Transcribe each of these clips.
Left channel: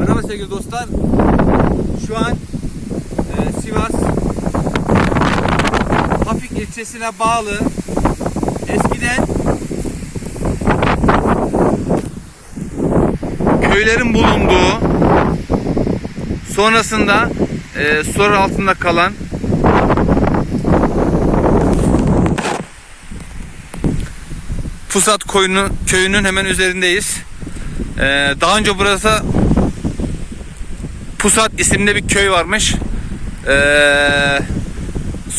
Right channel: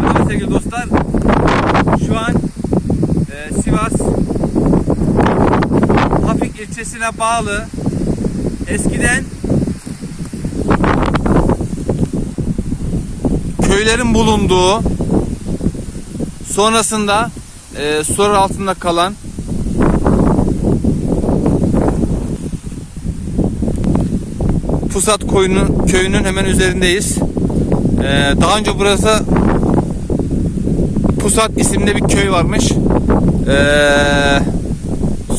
Merhaba sevgili dostlar. Şu an e, Sivas Hafik ilçesine bağlı eskiden köylerin bulunduğu sonrasında e, sular altında kalan Pusat koyunu, köyünün hemen üzerindeyiz. Ee, daha önce burası Pusat isimli bir köy varmış. Ee,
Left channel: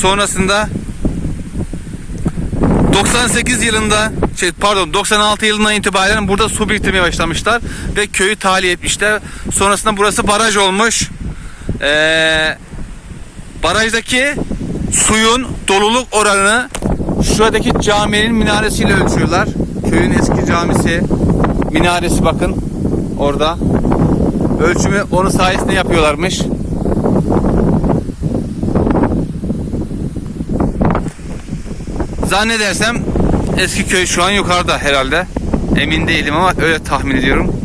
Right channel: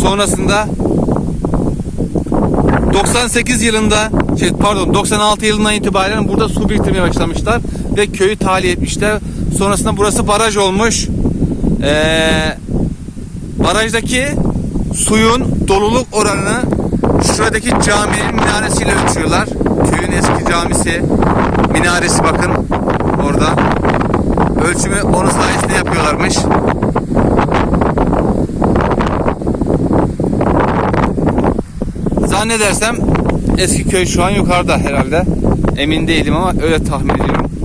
sonrasında 98 yılında şey pardon 96 yılından itibaren burada su biriktirmeye başlamışlar ve köyü tahliye etmişler. Sonrasında burası baraj olmuş. Ee, barajdaki suyun doluluk oranını şuradaki caminin minaresiyle ölçüyorlar. Köyün eski camisi minaresi bakın orada. Ölçümü onun sayesinde yapıyorlarmış. Zannedersem eski köy şu an yukarıda herhalde. Emin değilim ama öyle tahmin ediyorum.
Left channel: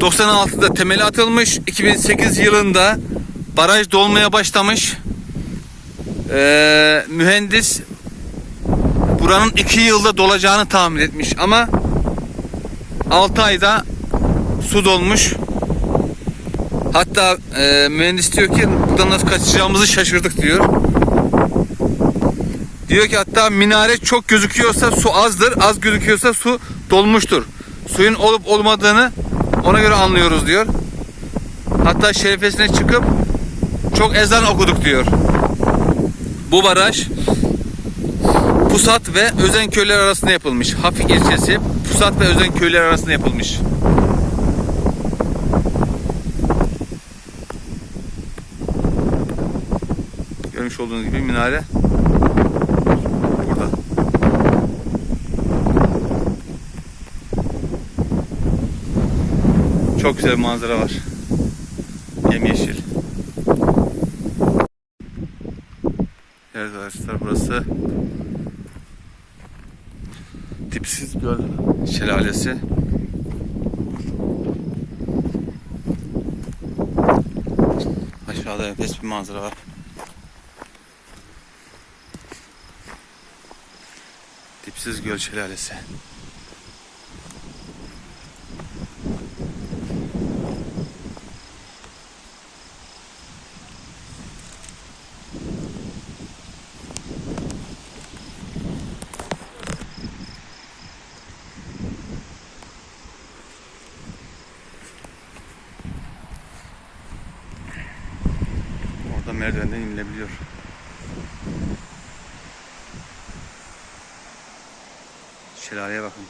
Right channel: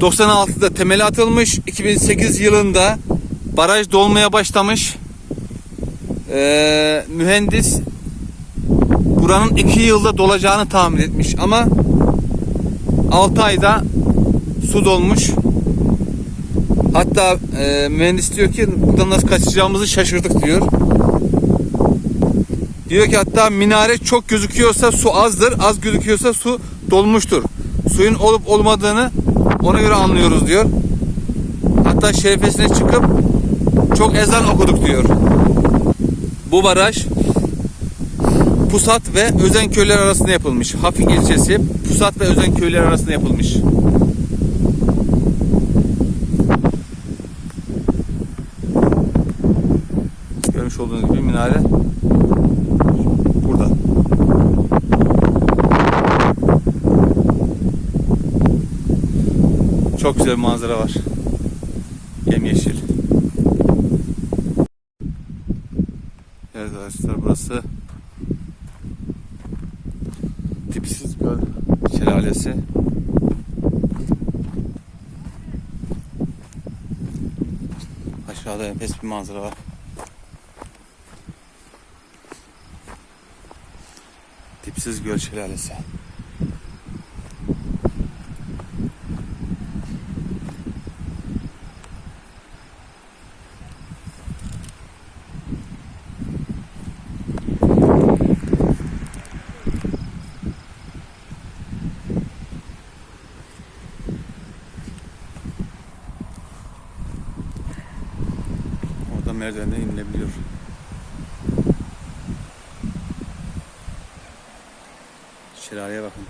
...96'da temeli atılmış... ...2008 yılında... ...baraj dolmaya başlamış... Ee, ...mühendis... ...buranın 2 yılda dolacağını tahmin etmiş ama... ...6 ayda... ...su dolmuş... Hatta e, mühendis diyor ki buradan nasıl kaçacağımızı şaşırdık diyor. Diyor ki hatta minare çok gözüküyorsa su azdır, az gözüküyorsa su dolmuştur. Suyun olup olmadığını ona göre anlıyoruz diyor. Hatta şerefesine çıkıp çok ezan okuduk diyor. Bu baraj Pusat ve Özen köyler arasında yapılmış. Hafik ilçesi Pusat ve Özen köyler arasında yapılmış. Görmüş olduğunuz gibi minare burada. Çok güzel bir manzara var. Yemyeşil. Evet arkadaşlar burası Dipsiz Göl Şelalesi. Aşağıda enfes bir manzara var. Dipsiz Göl Şelalesi. Orada merdivenden inilebiliyor. Şelaleye bakın.